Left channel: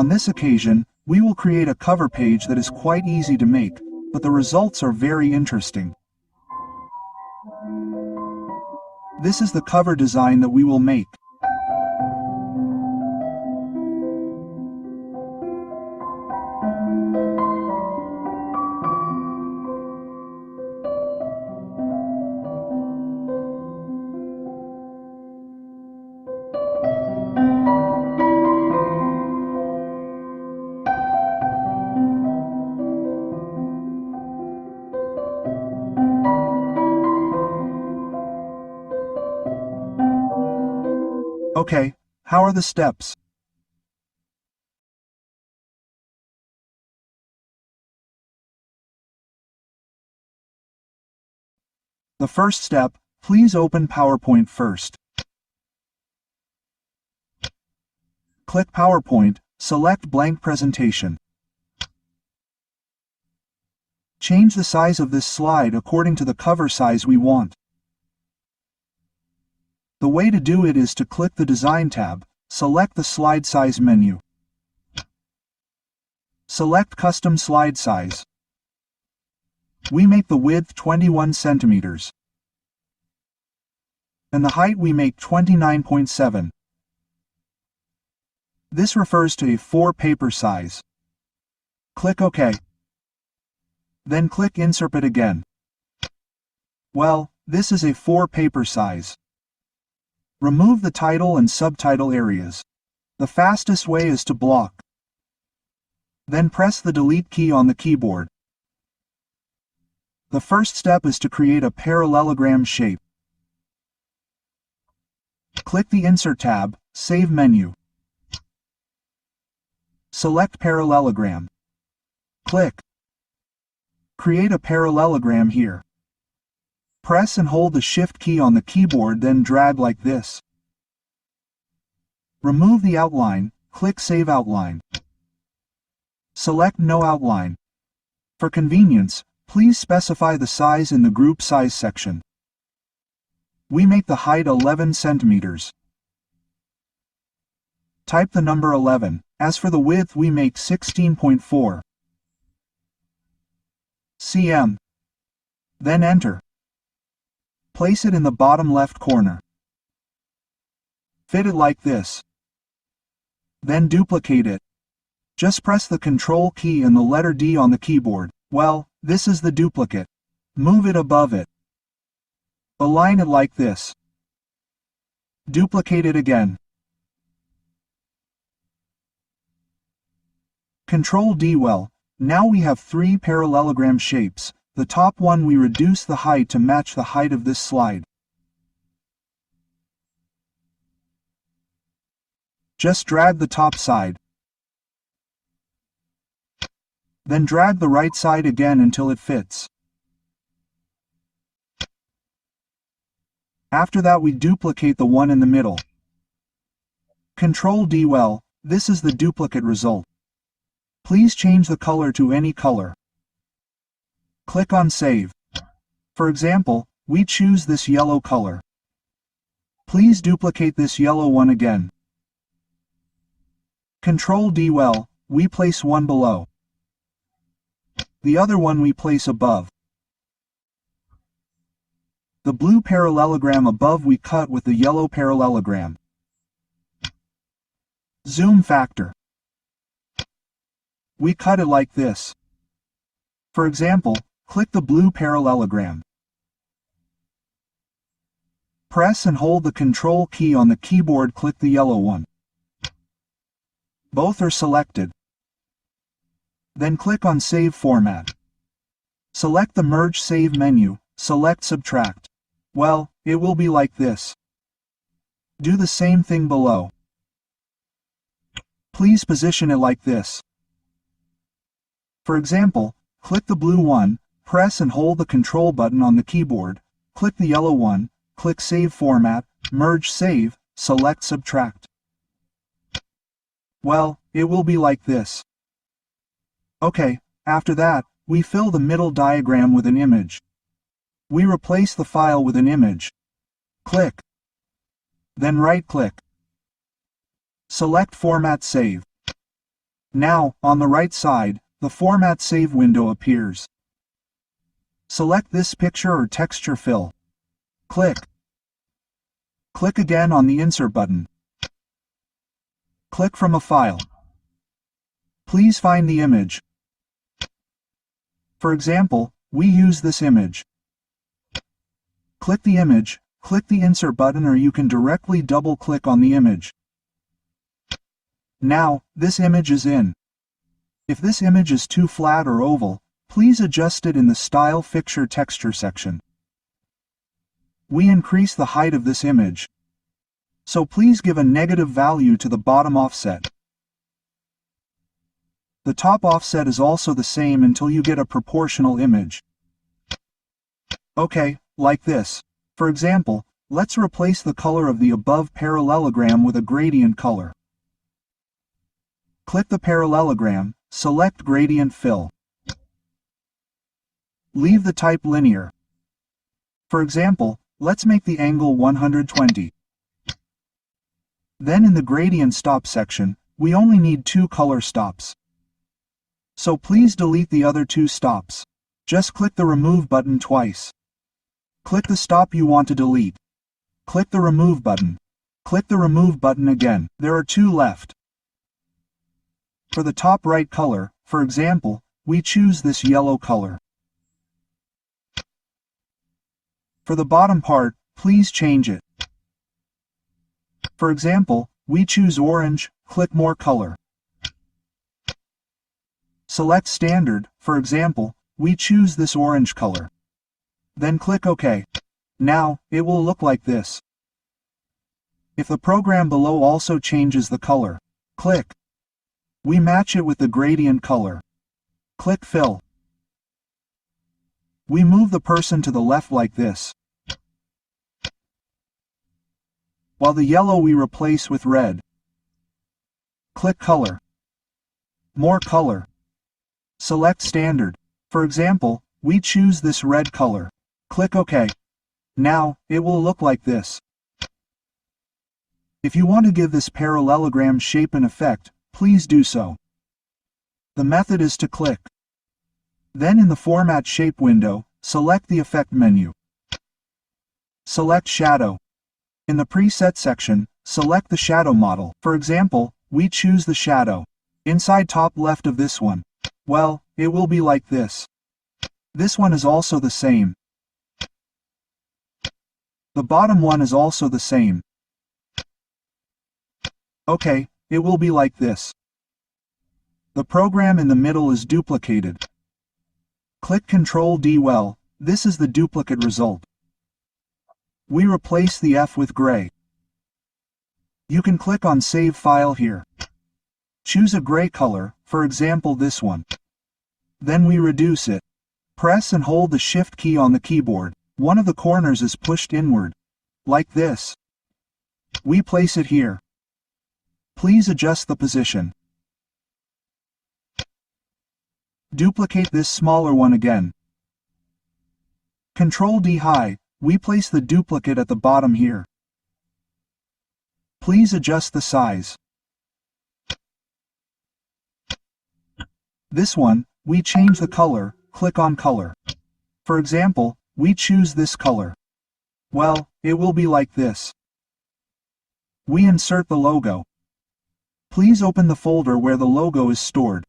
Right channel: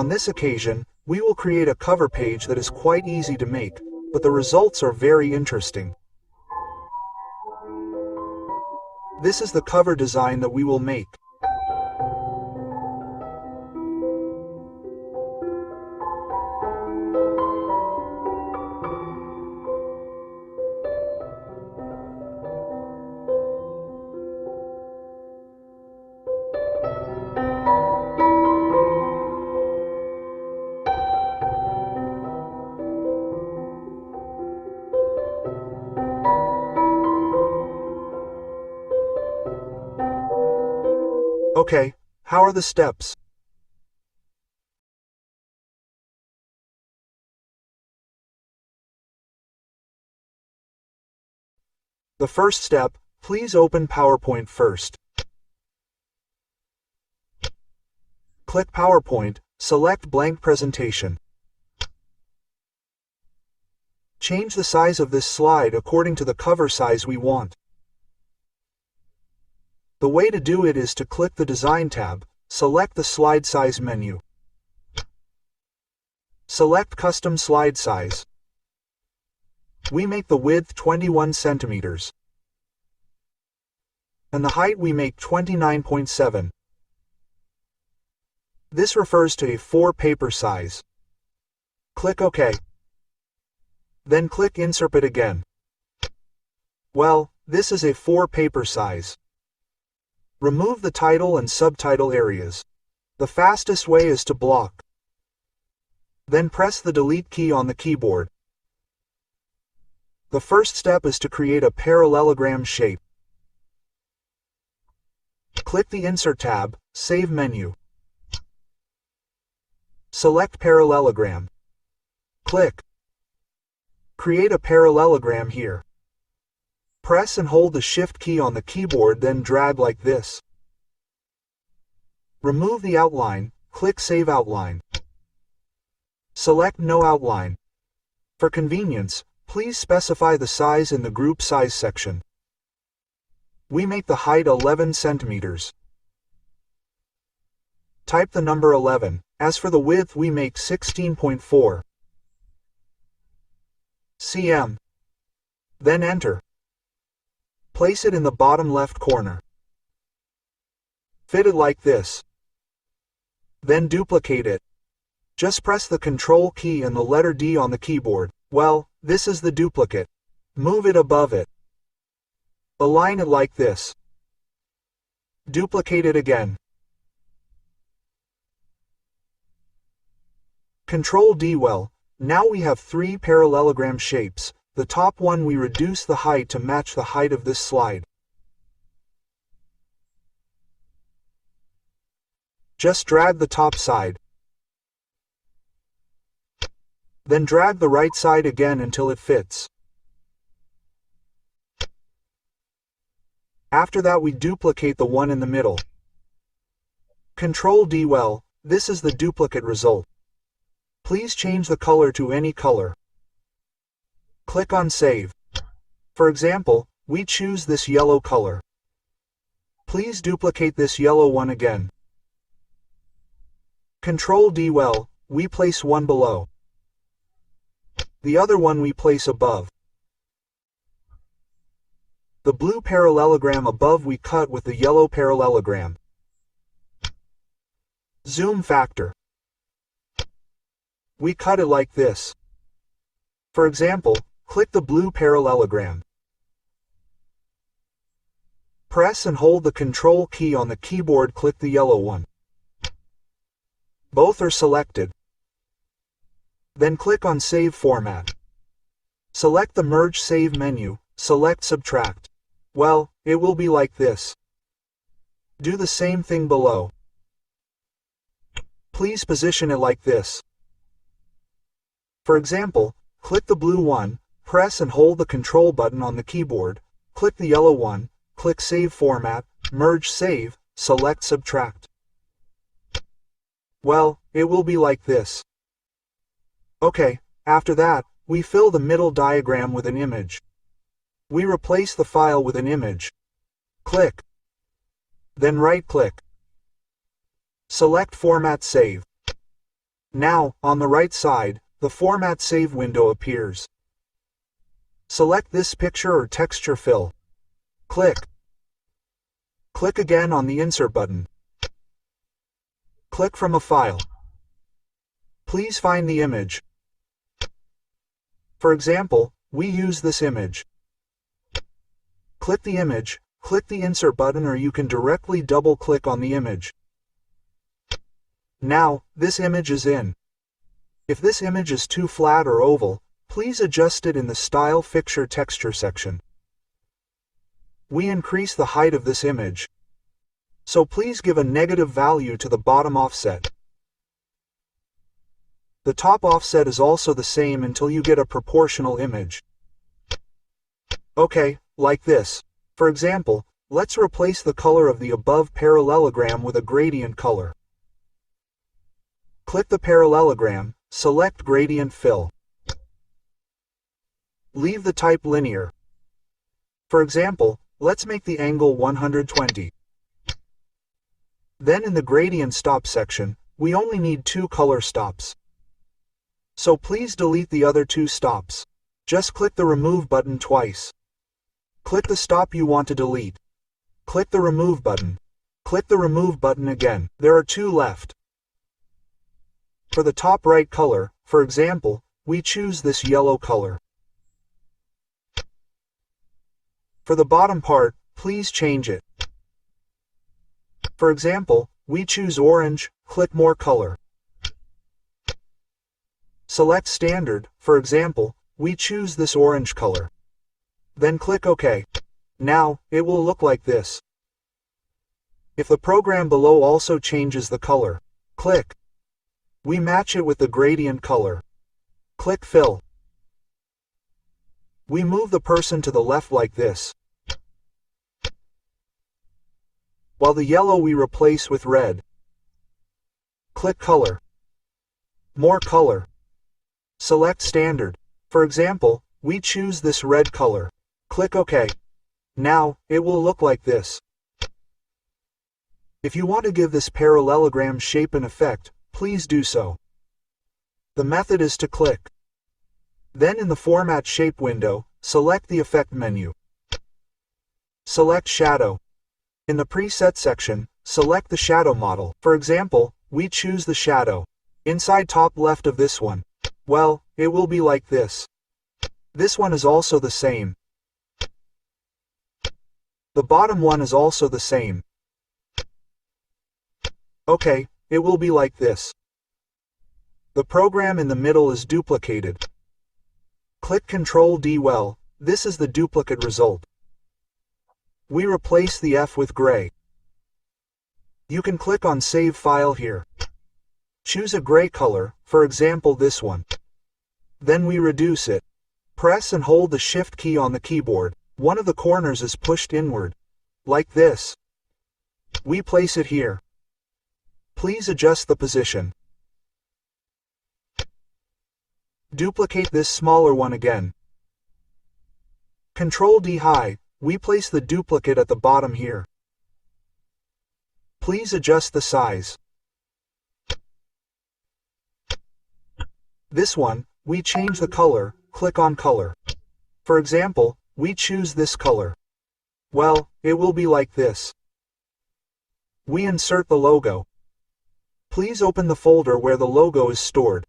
On this occasion, we will create a cover page that is quite easy to make, but the results are very interesting. This is the cover design that we will make. Okay, how are the steps? The first step, please open PowerPoint first. Click PowerPoint, select Blank Presentation. Change the size of this slide according to the cover size we want. The way to do it is to click the Design tab, select the Slide Size menu. Select Custom Slide Size. We make the width 21 centimeters. And the height we make 29.7. This refers to A4 paper size. Click OK. Then click Insert it again. Well, this is A4 paper size. Remove the title and subtitle areas. The fastest way is to block. Then press the Delete key on the keyboard. The first step is to create a parallelogram shape. Click the Insert tab, Save menu. Select Parallelogram. Click. Create a parallelogram here. Press and hold the Shift key on the keyboard, then drag like this. Remove the outline, click Save Outline. Select No Outline. For convenience, please specify the size in the Group Size section. We make the height 11 centimeters. Type the number 11. As for the width, we make 16.4 cm. Then enter. Place it in the bottom left corner. Fit it like this. Then duplicate it. Just press the Control key and the letter D on the keyboard. Well, this is the duplicate. Move it above it. Align it like this. Duplicate it again. Control D. Well, now we have three parallelogram shapes. The top one we reduce the height to match the height of this slide. Just drag the top side. Then drag the right side again until it fits. After that we duplicate the one in the middle. Control D. Well, this is the duplicate result. Please change the color to any color. Click on Save. For example, we choose this yellow color. Please duplicate this yellow one again. Control D. Well, we place one below. The other one we place above. The blue parallelogram above we cut with the yellow parallelogram. Zoom factor. We cut it like this. For example, click the blue parallelogram. Press and hold the Control key on the keyboard, click the yellow one. Both are selected. Then click on Save Format. Select the Merge Save menu, select Subtract. Well, it will be like this. Do the same thing below. Please position it like this. For example, click the blue one, press and hold the Control button on the keyboard, click the yellow one, click Save Format, Merge Save, select Subtract. Well, it will be like this. Okay, after that, we fill the middle diagram with an image. We replace the file with an image. Click. Then right-click. Select Format Save. Now, on the right side, the Format Save window appears. Select this picture or texture fill. Click. Click again on the Insert button. Click from a file. Please find the image. For example, we use this image. Click the image, click the Insert button, or you can directly double-click on the image. Now, this image is in. If this image is too flat or oval, please adjust it in the Style Fixture Texture section. We increase the height of this image, so please give a negative value to the bottom offset. The top offset is also the same until you get a proportional image. Okay, like this. For example, let's replace the color of the above parallelogram with a gradient color. Click the parallelogram, select Gradient Fill. Leave the type linear. For example, let's make the angle 120. Then in the Gradient Stop section, we only need 2 color stops. So please delete the other 2 stops. Just click the Remove button twice. Click the stop you want to delete. Click the Remove button. Click the Remove button again. There are 2 left. For the top right color, for example, we choose this yellow color. For the bottom part, please change it. For example, we choose orange, click More Color. Select Standard, for example, we choose this orange color. Then click OK. Now, it will look like this. If the program below also changes the color, click. We match it with the gradient color. Click Fill. We move the person to the left like this, while the yellow we replace with red. Click Color. More Color. Select Standard. For example, we choose this red color. Click OK. Now, it will look like this. If you want to give this parallelogram shape an effect, please do so. The method is to click. Then in the Format Shape window, select the Effect menu. Select Shadow. In the Preset section, select the shadow model. For example, we choose the shadow. Inside top left of this one. Well, it will be like this. This one is also the same. The bottom one is also the same. Okay, it will be like this. The program in the middle is duplicated. Click Ctrl D. Well, this is the duplicate result. We replace the F with gray. You can click on Save File here. Choose a gray color, for example this one. Then we reduce it. Press and hold the Shift key on the keyboard. One of the corners is pushed inward. Like this. We place it here. Please adjust the position. Duplicate this smaller one again. Ctrl D high, we place the duplicate at the bottom here. Please adjust the size. This one, we change the color, click on Color. For example, we choose this color. Well, it will be like this. We insert the logo. Please open the folder where the logo is stored.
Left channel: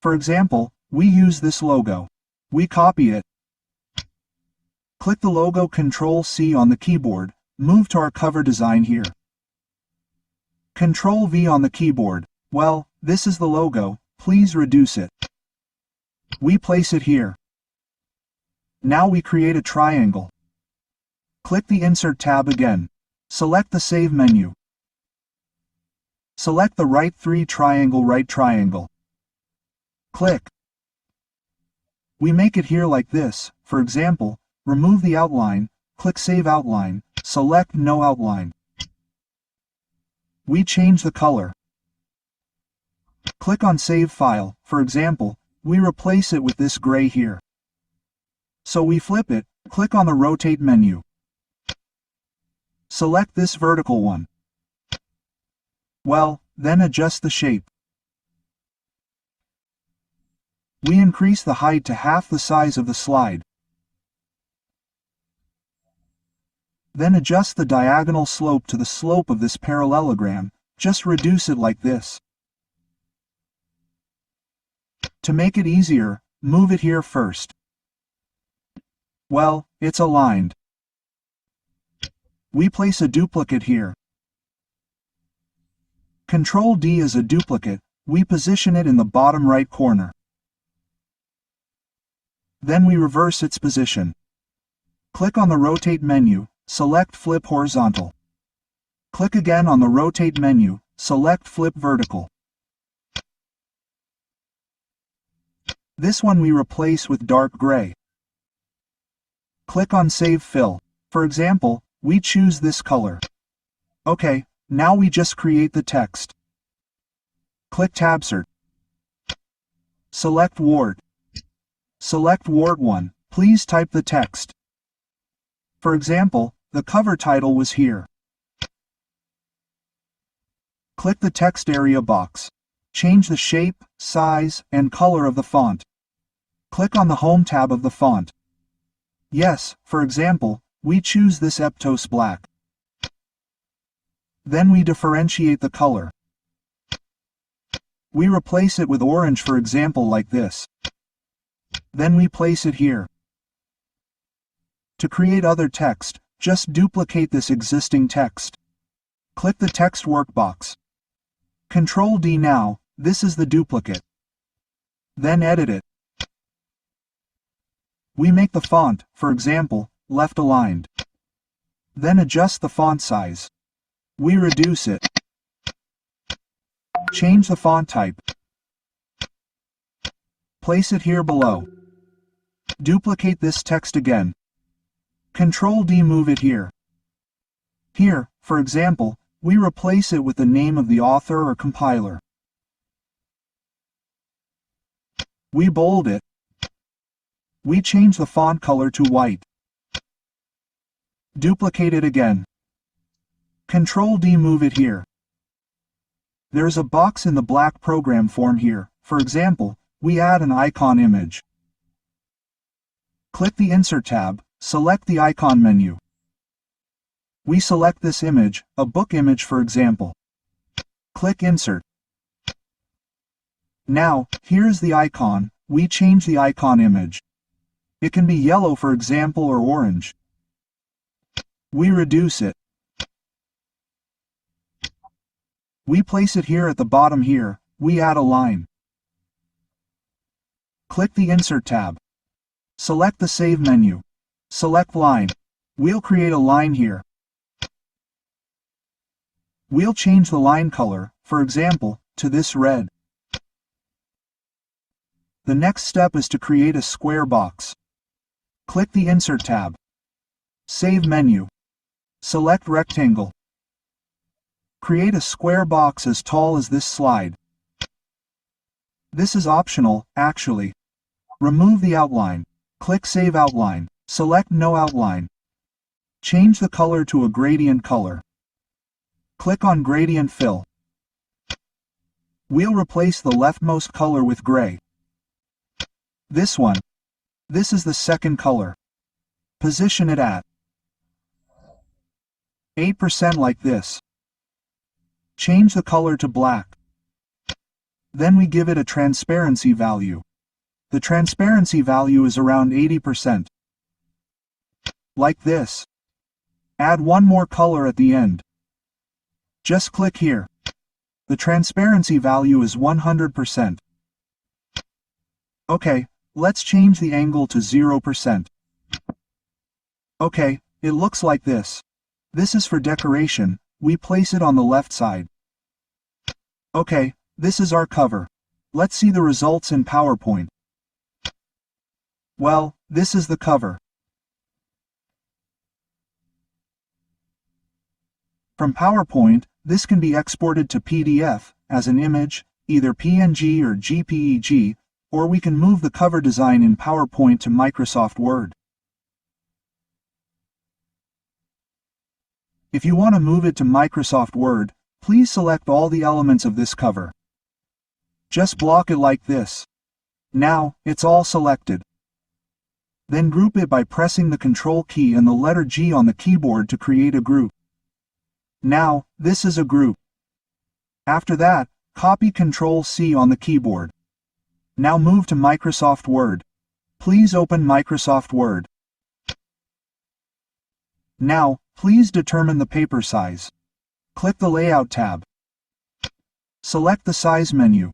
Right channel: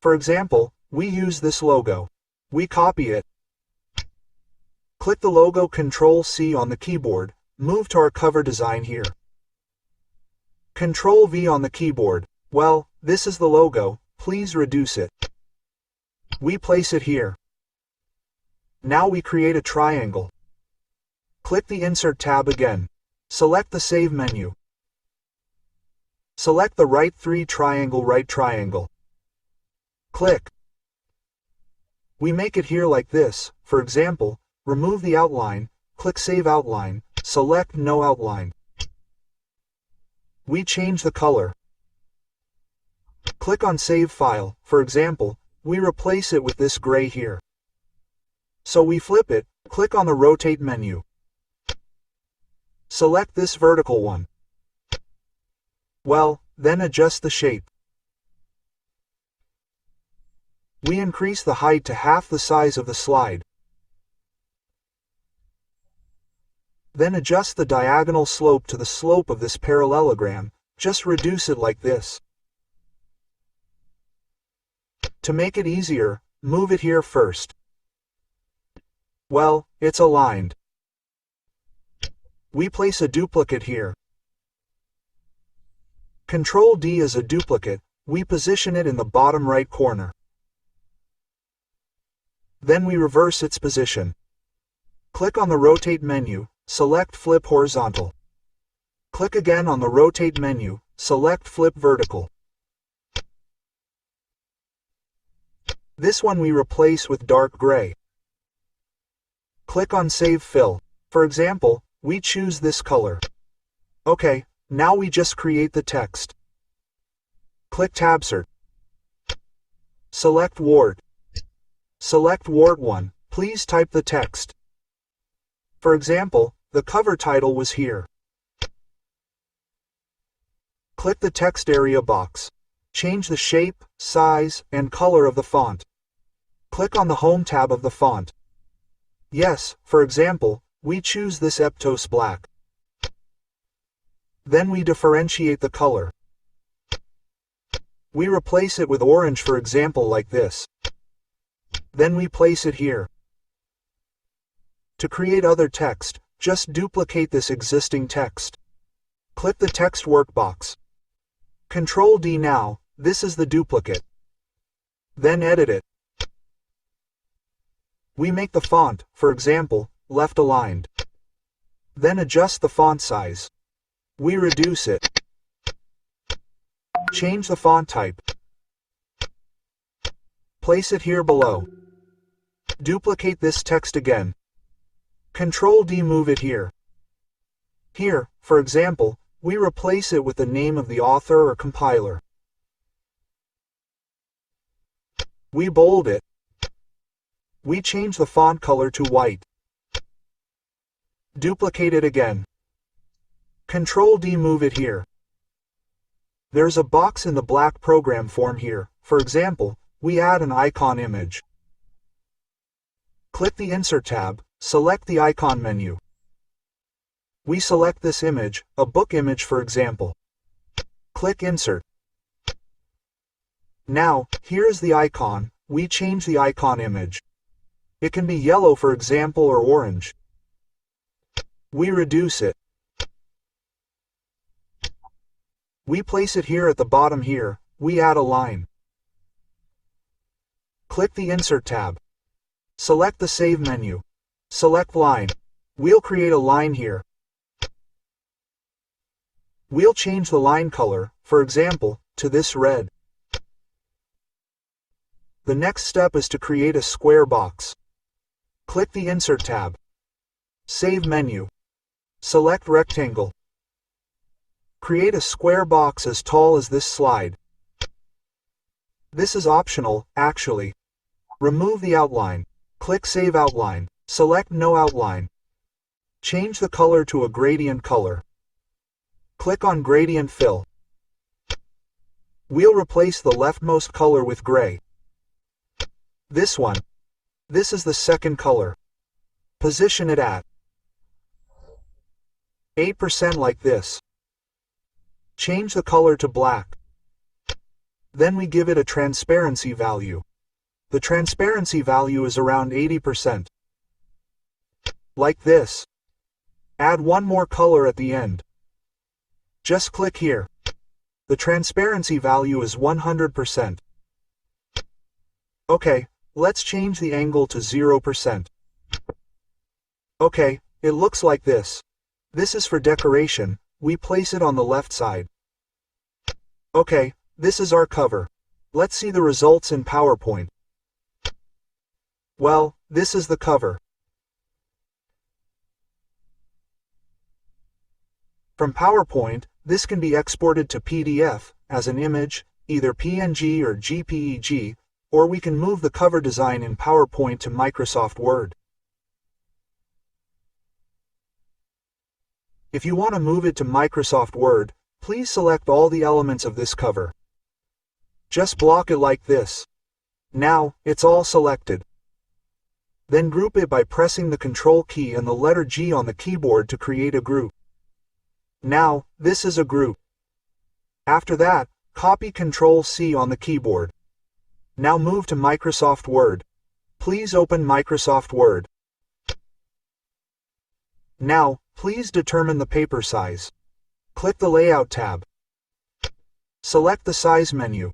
For example, we use this logo. We copy it. Click the logo Ctrl C on the keyboard, move to our cover design here. Ctrl V on the keyboard. Well, this is the logo, please reduce it. We place it here. Now we create a triangle. Click the Insert tab again. Select the Save menu. Select the right triangle. Click. We make it here like this. For example, remove the outline, click Save Outline, select No Outline. We change the color. Click on Save File. For example, we replace it with this gray here. So we flip it, click on the Rotate menu. Select this vertical one. Well, then adjust the shape. We increase the height to half the size of the slide. Then adjust the diagonal slope to the slope of this parallelogram. Just reduce it like this. To make it easier, move it here first. Well, it's aligned. We place a duplicate here. Ctrl D is a duplicate. We position it in the bottom right corner. Then we reverse its position. Click on the Rotate menu, select Flip Horizontal. Click again on the Rotate menu, select Flip Vertical. This one we replace with dark gray. Click on Save Fill. For example, we choose this color. Okay, now we just create the text. Click Tabsert. Select Word. Select Word 1. Please type the text. For example, the cover title was here. Click the text area box. Change the shape, size, and color of the font. Click on the Home tab of the font. Yes, for example, we choose this Eptos Black. Then we differentiate the color. We replace it with orange, for example, like this. Then we place it here. To create other text, just duplicate this existing text. Click the text workbox. Ctrl D now, this is the duplicate. Then edit it. We make the font, for example, left aligned. Then adjust the font size. We reduce it. Change the font type. Place it here below. Duplicate this text again. Ctrl D, move it here. Here, for example, we replace it with the name of the author or compiler. We bold it. We change the font color to white. Duplicate it again. Ctrl D, move it here. There's a box in the black program form here. For example, we add an icon image. Click the Insert tab, select the icon menu. We select this image, a book image for example. Click Insert. Now, here is the icon. We change the icon image. It can be yellow for example or orange. We reduce it. We place it here at the bottom here. We add a line. Click the Insert tab. Select the Save menu. Select Line. We'll create a line here. We'll change the line color, for example, to this red. The next step is to create a square box. Click the Insert tab. Save menu. Select Rectangle. Create a square box as tall as this slide. This is optional, actually. Remove the outline. Click Save Outline. Select No Outline. Change the color to a gradient color. Click on Gradient Fill. We'll replace the leftmost color with gray. This one. This is the second color. Position it at 8% like this. Change the color to black. Then we give it a transparency value. The transparency value is around 80%. Like this. Add one more color at the end. Just click here. The transparency value is 100%. Okay, let's change the angle to 0%. Okay, it looks like this. This is for decoration. We place it on the left side. Okay, this is our cover. Let's see the results in PowerPoint. Well, this is the cover. From PowerPoint, this can be exported to PDF, as an image, either PNG or JPEG, or we can move the cover design in PowerPoint to Microsoft Word. If you want to move it to Microsoft Word, please select all the elements of this cover. Just block it like this. Now, it's all selected. Then group it by pressing the Control key and the letter G on the keyboard to create a group. Now, this is a group. After that, copy Control C on the keyboard. Now move to Microsoft Word. Please open Microsoft Word. Now, please determine the paper size. Click the Layout tab. Select the Size menu.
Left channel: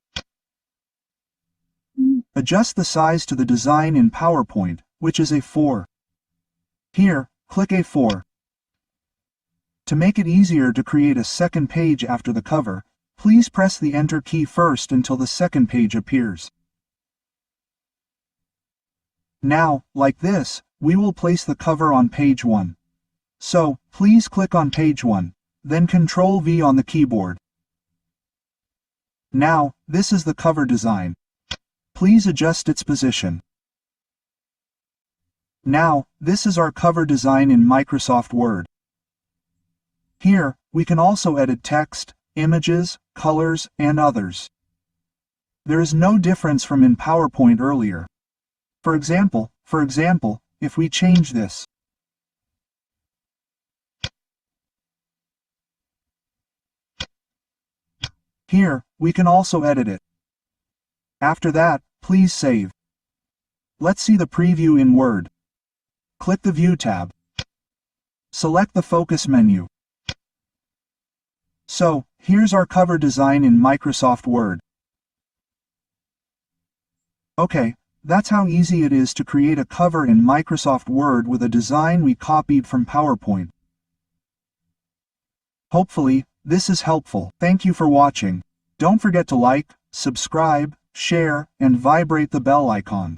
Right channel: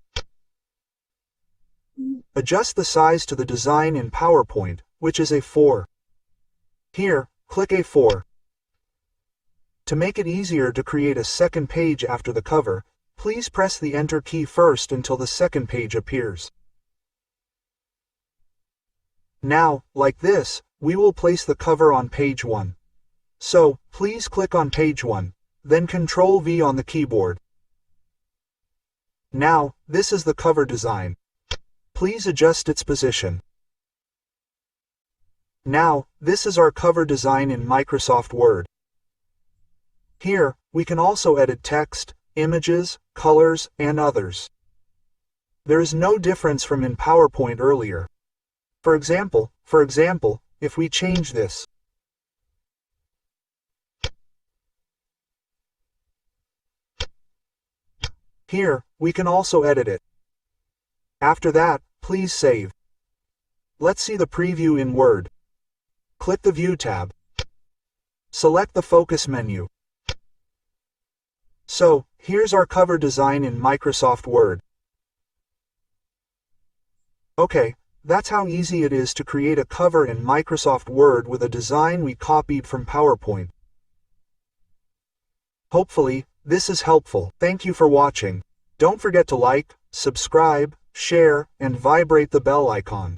Adjust the size to the design in PowerPoint, which is A4. Here, click A4. To make it easier to create a second page after the cover, please press the Enter key first until the second page appears. Now, like this, we will place the cover on page 1. So, please click on page 1, then Ctrl V on the keyboard. Now, this is the cover design. Please adjust its position. Now, this is our cover design in Microsoft Word. Here, we can also edit text, images, colors, and others. There is no difference from in PowerPoint earlier. For example, if we change this. Here, we can also edit it. After that, please save. Let's see the preview in Word. Click the View tab. Select the Focus menu. So, here's our cover design in Microsoft Word. Okay, that's how easy it is to create a cover in Microsoft Word with a design we copied from PowerPoint. Hopefully, this is helpful. Thank you for watching. Don't forget to like, subscribe, share, and vibrate the bell icon.